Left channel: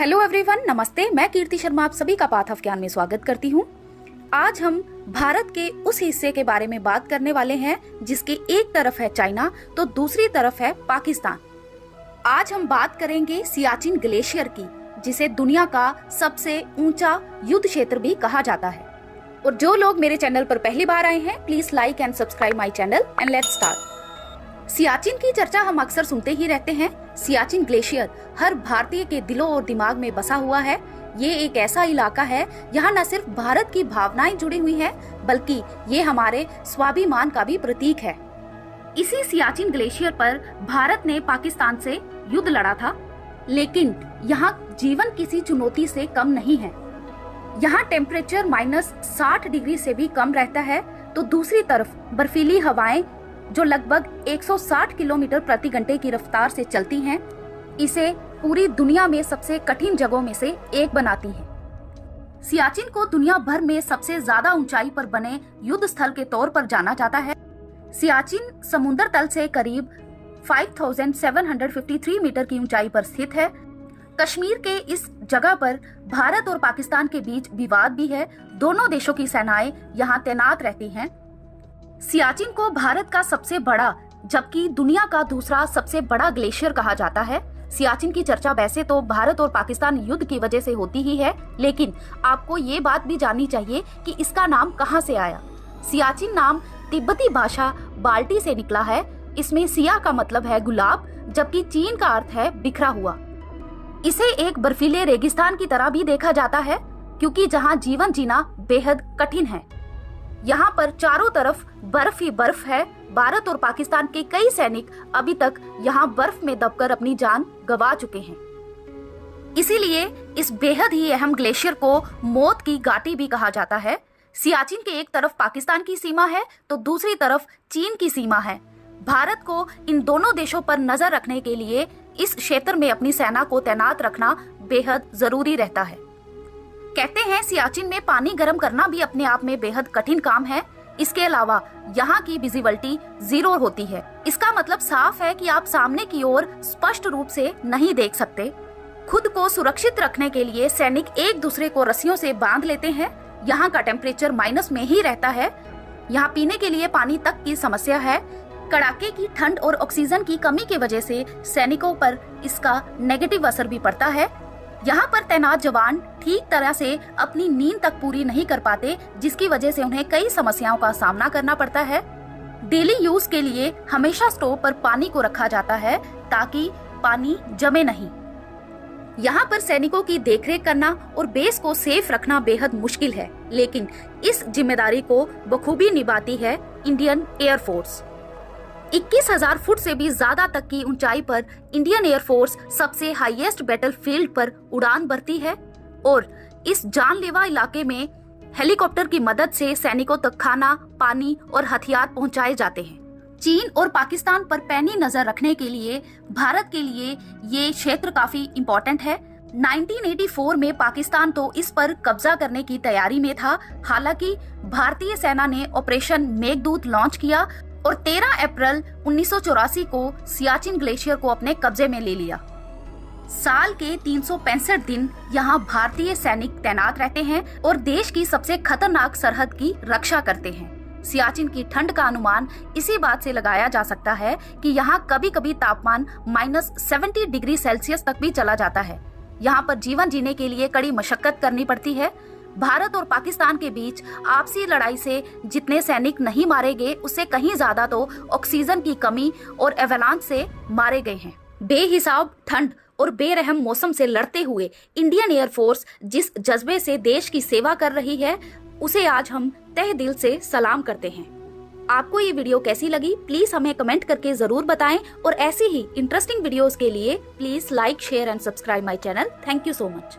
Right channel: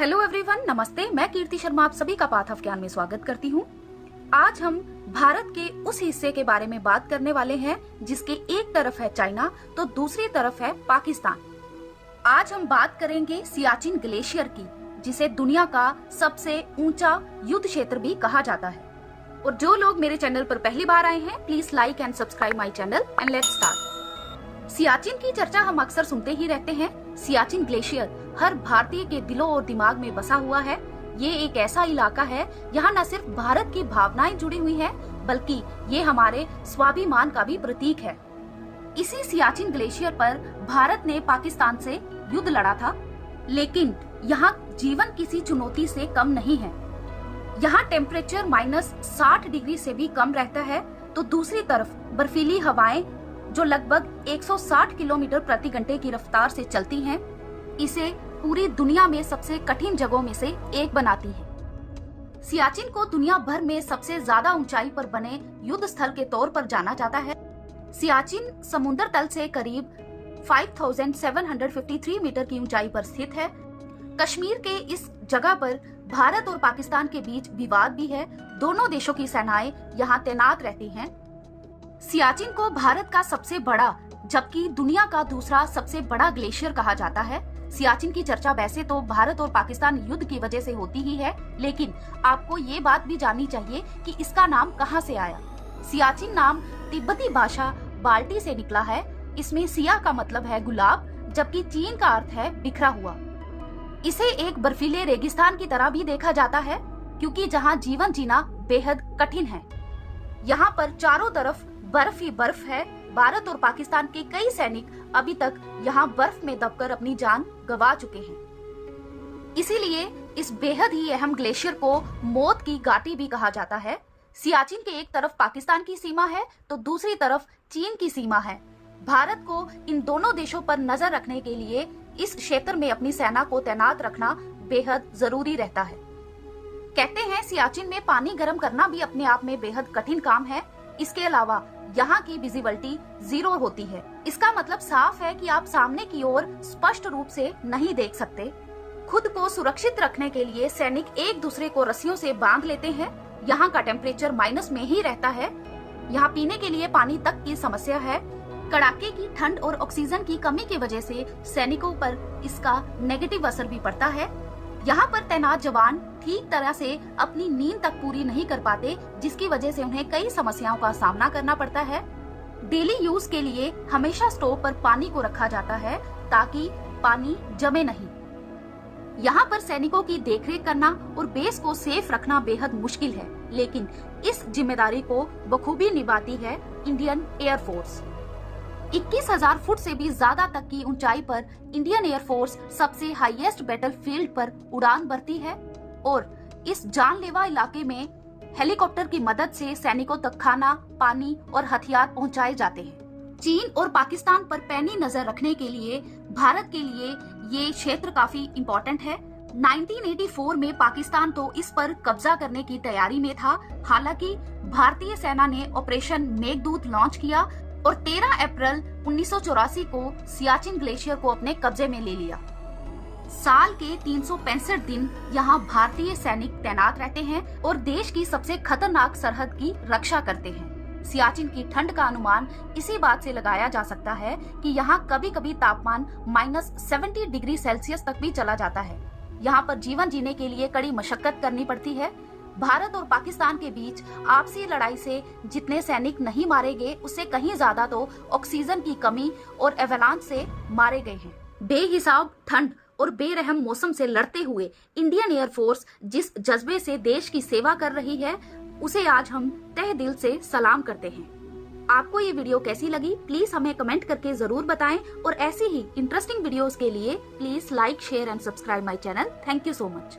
Hello everyone, नमस्ते। मैं कीर्ति शर्मा आप सभी का पाथ ऑफ ज्ञान में स्वागत करती हूँ। आज हम भारत के उस हिस्से के बारे में बात करने वाले हैं जिसके एक तरफ है चाइना तो दूसरी तरफ है पाकिस्तान। आज हम बात करेंगे सियाचिन ग्लेशियर की, जिसे दुनिया का सबसे ऊंचा युद्ध क्षेत्र भी कहा जाता है। और जो लोग मेरे चैनल पर पहली बार आए हैं, please like and subscribe my channel and let's start. Siachen की चर्चा हम अक्सर सुनते ही रहते हैं। सियाचिन ग्लेशियर हर भारतीय के दिलों और दिमाग में बसा हुआ है। ये एक ऐसा इलाका है, यहाँ न सिर्फ भारत की भावनाएं जुड़ी हुई हैं, बल्कि ये हमारे स्वाभिमान का भी प्रतीक है। इसी सियाचिन ग्लेशियर पर भारत ने पाकिस्तान से युद्ध लड़ा था, लेकिन यहाँ जीवन किसी चुनौती से कम नहीं है। यहाँ टेम्परेचर -60 डिग्री से भी कम रहता है, तो दूसरी तरफ बर्फीली हवाएं जो लगभग 160 किलोमीटर प्रति घंटे की रफ्तार से चलती हैं, इसे पूरी दुनिया में सबसे कठिन जगहों में से एक बनाती हैं। सियाचिन को दुनिया भर में सबसे ज्यादा ऊंचाई पर बने युद्ध स्थल के तौर पर जाना जाता है। सियाचिन समुद्र तल से करीब 5753 मीटर की ऊंचाई पर स्थित है। कश्मीर के इस जगह पर भारत और पाकिस्तान के बीच विवाद भी है। दोनों देशों की सेनाएं यहाँ तैनात रहती हैं। सियाचिन को भारत का सबसे बड़ा जबकि दुनिया का दूसरा सबसे बड़ा ग्लेशियर कहा जाता है। सियाचिन की चर्चा वैसे तो भारत और पाकिस्तान युद्ध की वजह से होती ही है, लेकिन आपको ये बात भी जाननी चाहिए कि इसका नाम कहाँ से आया। सियाचिन नाम तिब्बती भाषा बाल्टी से निकला है। इसमें सिया का मतलब है गुलाब, जबकि चीन का अर्थ है बिखरा हुआ। इसे एक बर्फीले रेगिस्तान की तरह भी देखा जाता है, क्योंकि जहाँ जीवन जीना बेहद कठिन है। यहाँ पर चारों तरफ बर्फ ही बर्फ है। भारत और पाकिस्तान के कई सैनिक अभी तक यहाँ बर्फ में दबकर अपनी जान गंवा चुके हैं। इसीलिए इस बेहद ही अहम ग्लेशियर को मौत की घाटी भी कहा जाता है। सियाचिन के एक तरफ पाकिस्तान की सीमा है तो दूसरी तरफ चीन की सीमा है। भारत को इन दोनों देशों पर नजर रखने के लिए इस क्षेत्र में अपनी सेना को तैनात रखना बेहद जरूरी रहता है। कहते हैं सियाचिन में पानी गर्म करना भी अपने आप में बेहद कठिन काम है। इसके अलावा यहाँ की विजिबिलिटी 0 होती है। इसका मतलब साफ है कि आप सामने की ओर स्पष्ट रूप से नहीं देख सकते। खुद को सुरक्षित रखने के लिए सैनिक एक दूसरे को रस्सियों से बांध लेते हैं। यहाँ का टेम्परेचर माइनस में ही रहता है। यहाँ पीने के लिए पानी तक की समस्या है। कड़ाके की ठंड और ऑक्सीजन की कमी की वजह से सैनिकों पर इसका नेगेटिव असर भी पड़ता है। यहाँ पर तैनात जवान ठीक तरह से अपनी नींद तक पूरी नहीं कर पाते, जिसकी वजह से उन्हें कई समस्याओं का सामना करना पड़ता है। डेली यूज के लिए हमेशा स्टोव पर पानी को रखा जाता है ताकि पानी जमे नहीं। यहाँ पर सैनिकों की देखरेख करना और बेस को सेफ रखना बेहद मुश्किल है, लेकिन इस जिम्मेदारी को बखूबी निभाती है इंडियन एयरफोर्स। 21,000 फुट से भी ज्यादा तक की ऊंचाई पर इंडियन एयरफोर्स सबसे हाईएस्ट बैटलफील्ड पर उड़ान भरती है और इस जानलेवा इलाके में हेलीकॉप्टर की मदद से सैनिकों तक खाना, पानी और हथियार पहुंचाए जाते हैं। चीन और पाकिस्तान पर पैनी नजर रखने के लिए भारत के लिए ये क्षेत्र काफी इम्पोर्टेंट है। 1984 में पाकिस्तान तो इस पर कब्जा करने की तैयारी में था। हालांकि भारतीय सेना ने ऑपरेशन मेघदूत लॉन्च किया और 13 अप्रैल 1984 को सियाचिन ग्लेशियर को अपने कब्जे में ले लिया। साल के 365 दिन यहाँ भारतीय सैनिक तैनात रहते हैं और देश की सबसे खतरनाक सरहद की रक्षा करते हैं। सियाचिन की ठंड का अनुमान इसी बात से लगाया जा सकता है कि यहाँ कभी कभी तापमान -70 डिग्री सेल्सियस तक भी चला जाता है। यहाँ पर जीवन जीने के लिए कड़ी मशक्कत करनी पड़ती है। भारत और पाकिस्तान के बीच आपसी लड़ाई से जितने सैनिक नहीं मारे गए, उससे कहीं ज्यादा तो ऑक्सीजन की कमी और एवलांच से मारे गए हैं। बेहिसाब ठंड और बेरहम मौसम से लड़ते हुए इंडियन एयरफोर्स जिस जज्बे से देश की सेवा कर रही है, उसे आज हम तहे दिल से सलाम करते हैं। आपको ये वीडियो कैसी लगी, प्लीज हमें कमेंट करके जरूर बताएं और ऐसी ही इंटरेस्टिंग वीडियोस के लिए please like, share and subscribe my channel. Thank you so much.